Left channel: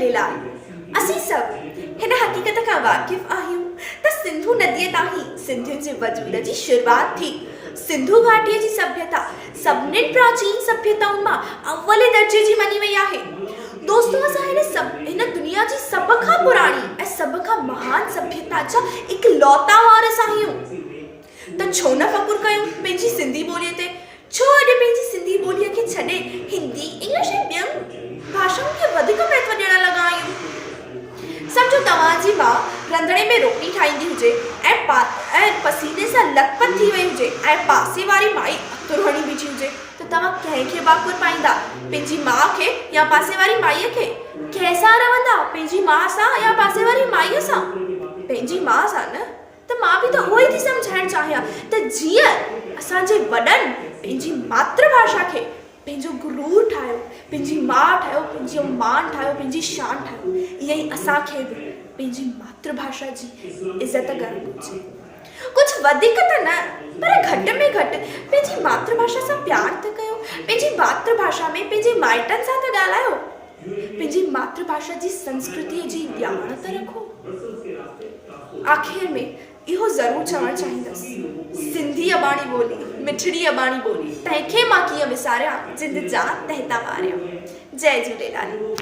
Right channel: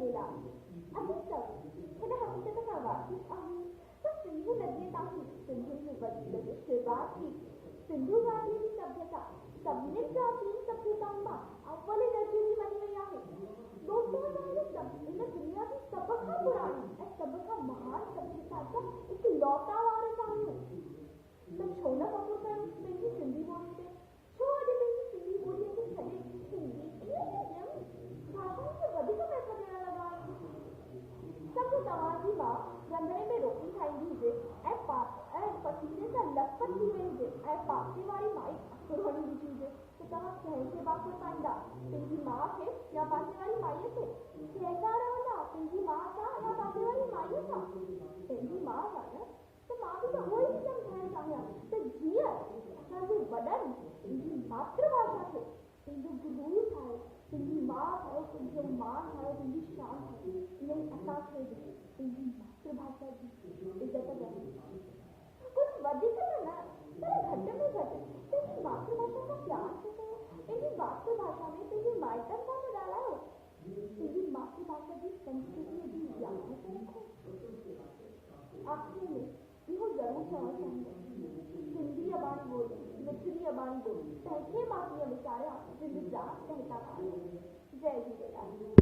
झूलेलाल। असीं सभु हिन हक़ीक़त खां वाक़िफ़ आहियूं त सिंधु नदीअ तां ई सिंधियुनि जे वजूद जी शुरूआत थी। सिंधु घाटीअ जी सभ्यता सभिनीनि प्राचीन सभ्यताउनि मां अव्वले दर्जे जी मञी वई आहे। दोस्तों, असां हिन दुनिया जी सभ खां पुराणी ऐं सभ खां महान सभ्यता जा इकलौता वारिस आहियूं। त छो न फ़ख़ुरु कयूं पंहिंजी सिंधी ॿोलीअ ते? छो अॼु पंहिंजी सिंधी ॿोलीअ खे छॾे हिंदी, इंग्लिश ऐं ॿियनि भाषाउनि खे वधीक महत्व ॾियण लॻा आहियूं? सम्झो तव्हांजी माउ रंधिणे में रोटी ठाहींदी हुजे ऐं पसीने सां लथपथ थी वई हुजे ऐं पासे वारी माई अतरु हणी बीठी हुजे, त तव्हां कंहिंखे वाकुर पाईंदा? पंहिंजी माउ खे या पासे वारी माईअ खे? कंहिंसां रहंदा? पंहिंजी माउ सां या पासे वारी माईअ सां? पंहिंजी माउ सां न? त मां बि त उहो ई थी सम्झाइणु चाहियां त जीअं असांजे वॾनि पंहिंजी मातृभाषा खे पंहिंजो गुरूर ठाहियो, पंहिंजी माउ ठाहियो, पंहिंजो मान ठाहियो, पंहिंजी शान ठाहियो, ईअं ई असांखे बि पंहिंजी मातृभाषा जी इज़त करणु घुरिजे। कुझु वधीक त न, पर घटि में घटि पंहिंजी मातृभाषा सां प्यारु त कयो। पंहिंजी मातृभाषा में पंहिंजे माइटनि सां त ॻाल्हायो। पंहिंजी मातृभाषा जी संस्कृतीअ जी ॼाण त रखो। आख़िर में इहो ज़रूरु चवणु चाहींदसि, सिंधी अबाणी ॿोली, मिठड़ी अबाणी ॿोली, तंहिंखे मां कीअं विसारियां, जिंद जान तहता वारियां। जय झूलेलाल।